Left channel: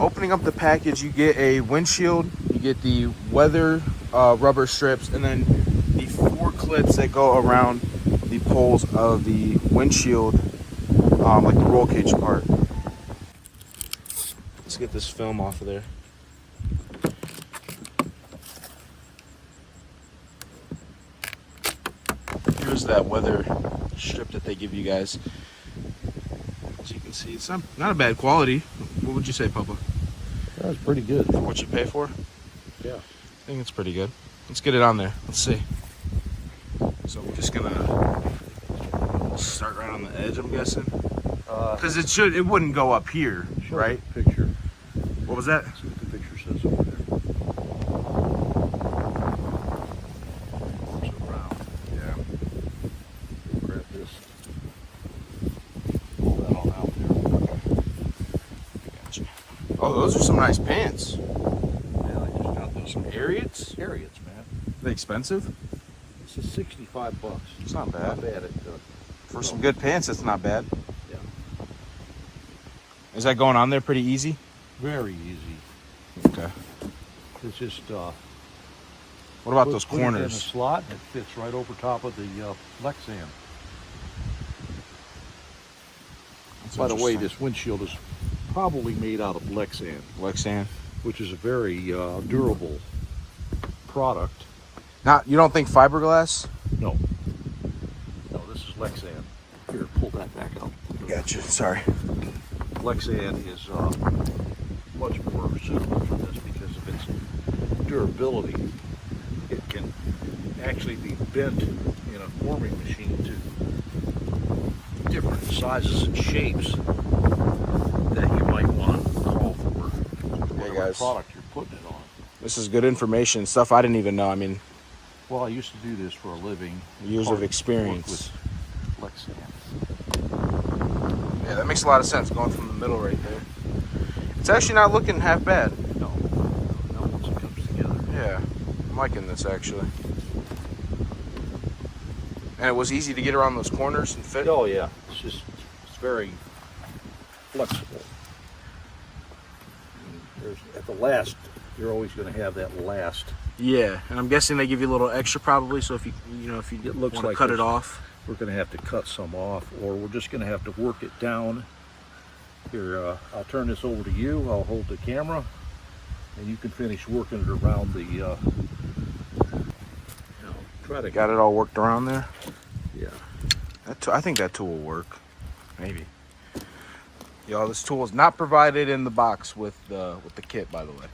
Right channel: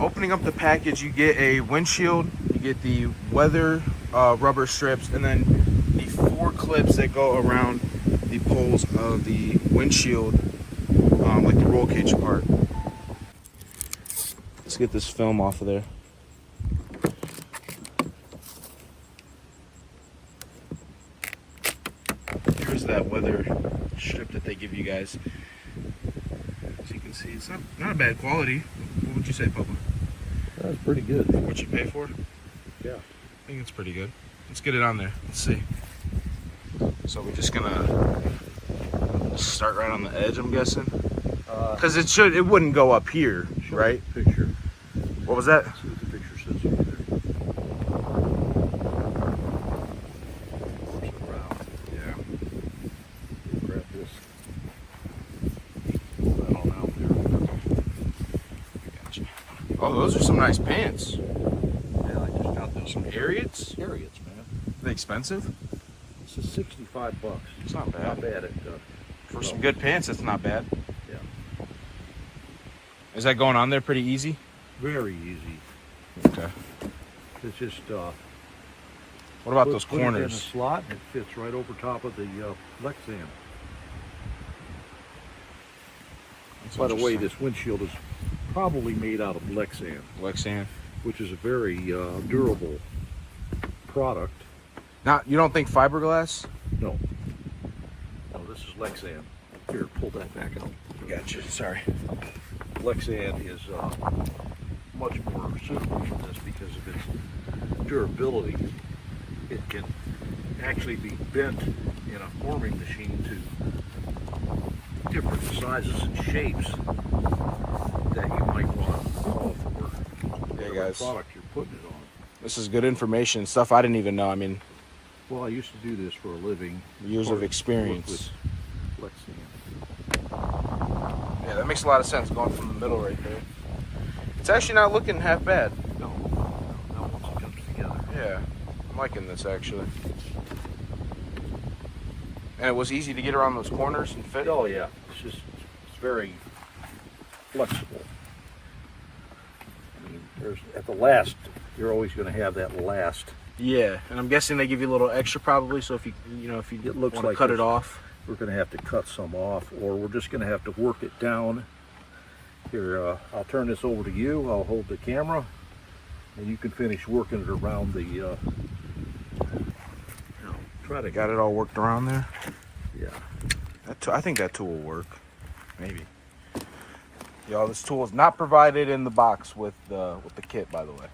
Opening up the package, you get a windshield, you get the weather rubber strips, and then the 4 clips that go around the poles of the windshield, like the roll cage part. Let's get this film off of there. Here's that weather strip that they give you guys. As you can see, it's not a bad quality. What would you say, Papa? That's pretty good. For what you pay for? Yeah. I think it's pretty good. Let's get it on there. Let's see. So we're just gonna start right on the edge, I'm guessing. Because it wouldn't go up here, right? Picture. What was that? See what the picture says over there. It's around. Yeah. Grab this. Pull that all out there. Gotcha. Oh, those are some nice pants. Yeah, I just got those. Some Harriets? Harriets, man. Are they expensive? This is $65. It's not bad. Not bad. For some good pants, it's not bad. Yeah. Is that going on there pretty easy? Very easy. Okay. It's just What about those put it in a corners? slot and it fits right over top of the Lexan. That's By the way, interesting. this windshield is probably made out of Lexan, Lexan. which is a very durable product. Now, you don't think fiberglass? No, this is Lexan. Here, pull that back out. Gotcha. Sorry. Lexan is much more suitable for this because of its durability. It can actually be bent in a forming machine to different sizes and shapes that you might want to call for Hey whatever guys, product you're putting it on. this is good information. Stuff I didn't even know. I mean, Well, I used to do this for a living. years of experience. With Lexan. Yeah, that makes a lot of sense going from the middle right there. It's actually not looking half bad. No, once it comes together. Yeah, I'm liking this actually. And it was easy to get around those corners and fit. Oh yeah, it's very flexible. I mean, at the last, you're always going to have that last. Yeah, and I'm guessing they give you a little extra probably. So if you if you It looks want to like cut it there's- off. We're going to have to cut some off, or we're just going to have to work it down. Here, I'll turn this over to you. I'll hold the camera, and you can finish working it around the. Try to Got it all worked around there. Yeah. I think that tool will work. Maybe. Y'all, this tool is not provided in the box with the kit, by the way.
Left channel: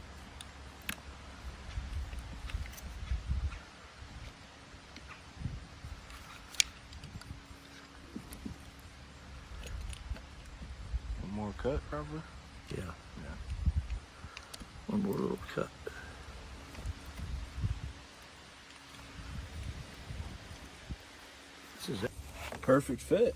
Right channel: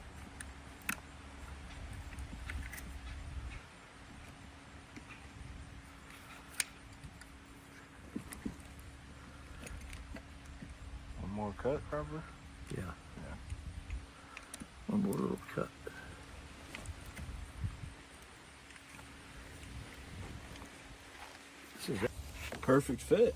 One more cut, probably. Yeah. One more little cut. This is Perfect fit.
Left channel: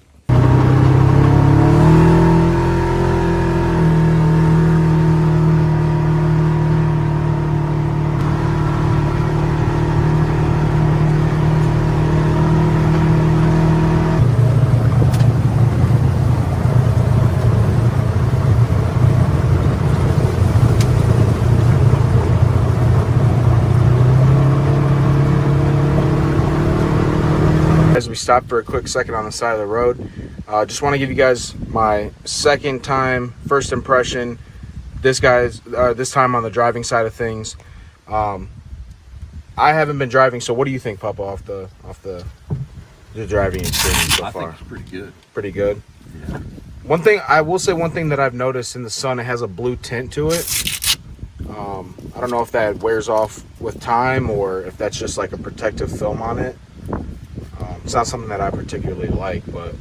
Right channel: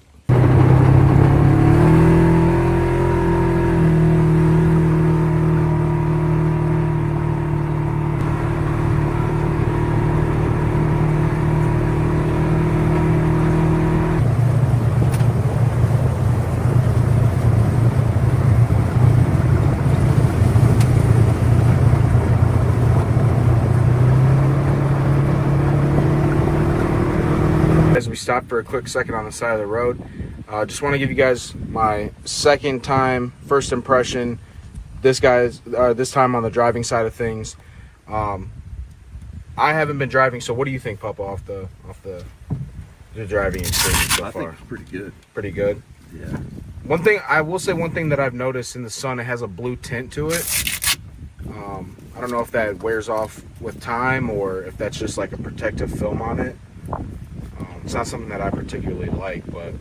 As we stopped for a quick second on the side of the road, just want to give you guys my second time, first impression. This time on the driving side of things. I haven't been driving, so what do you think, Papa, off the driving experience so far? I think it's pretty good. Pretty good. Yeah. One thing I will say, one thing that I've noticed in the sun, it has a blue tint to it. I don't know if that wears off with time or if that's just like a protective film on it. It's not something that I particularly like, but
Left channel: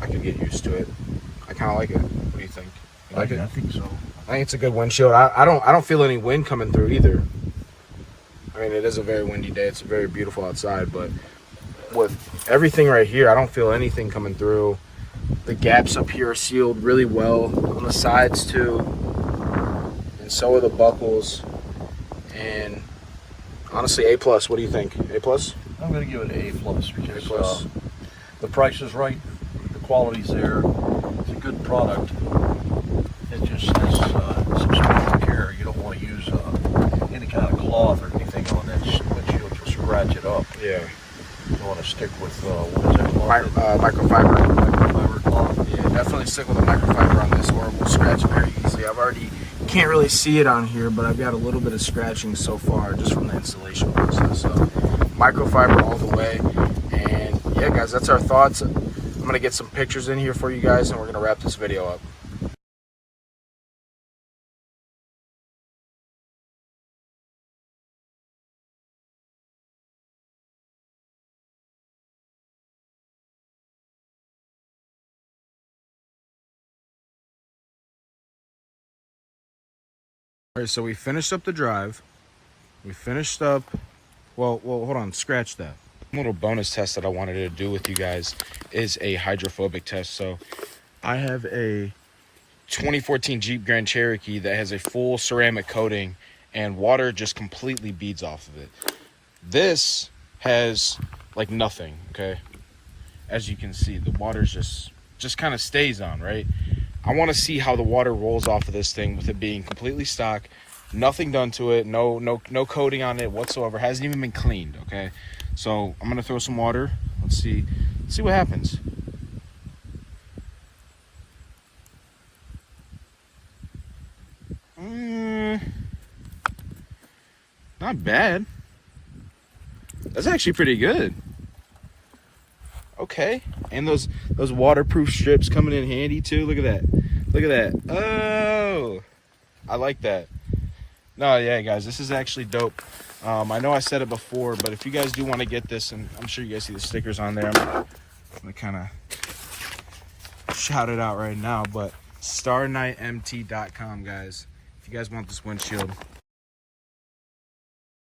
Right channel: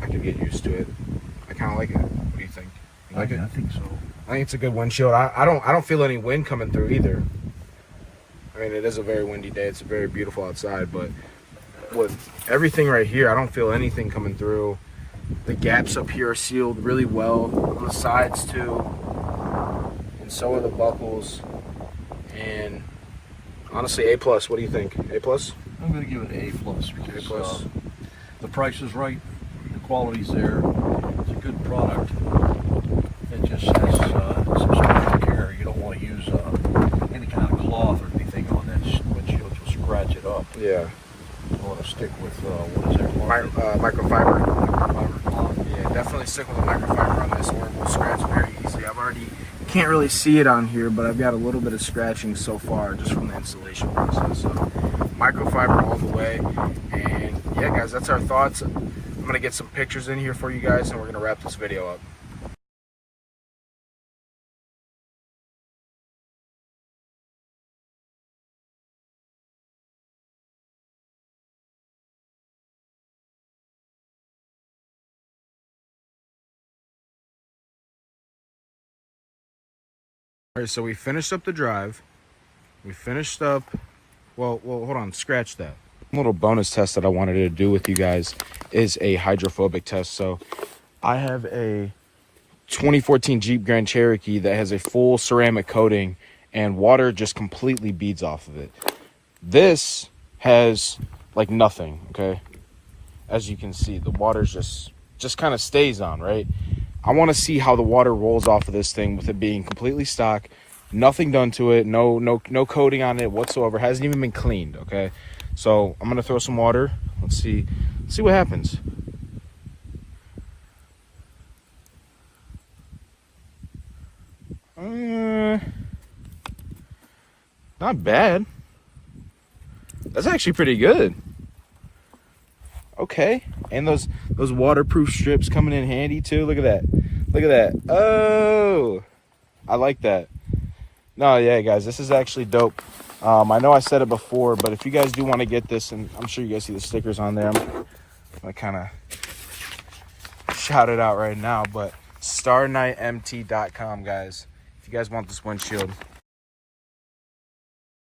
I could get used to it. I kind of like it. What do you think? You like it? I think so. I think it's a good windshield. I don't feel any wind coming through either. I mean, it is a very windy day. It's very beautiful outside, but with everything right here, I don't feel anything coming through. The gaps up here are sealed really well on the sides too, and so are the buckles. And honestly, A+. What do you think? A+? I'm going to give it an A+ because A+. The price is right, the quality's there, it's a good product. It just microfiber. Yeah, definitely stick with a microfiber on this, or we'll scratch it very easily. Can't really see it on here, but I've got a little bit of scratching so far just from the installation process. So microfiber all the way. And yeah, guys, that's our thoughts. I'm gonna get some pictures in here for you guys, and we're gonna wrap this video up. All right, so we finished up the drive. We finished up, well, hold on, scratch that. Little bonus test that I wanted to do with you guys is a hydrophobic test. So I have a 2014 Jeep Grand Cherokee that has a full ceramic coating and water just completely beads off of it. This has like nothing, okay? As you can see, the water's just kind of stays on, right? I want to see how the water rolls off of this thing with it being completely stock, nothing done to it, no coating on it whatsoever, hasn't even been cleaned, okay? So I'm gonna throw some water. Let's see what happens. Not bad. That's actually pretty good. Okay, and those waterproof strips coming in handy too. Look at that. Look at that. Oh, I like that. No, yeah, guys, this is actually dope. I know I said it before, but if you guys do want to get this, and I'm sure you guys see the stickers on there, I'm gonna kind of shout it out right now. But StarknightMT.com, guys. If you guys want this windshield,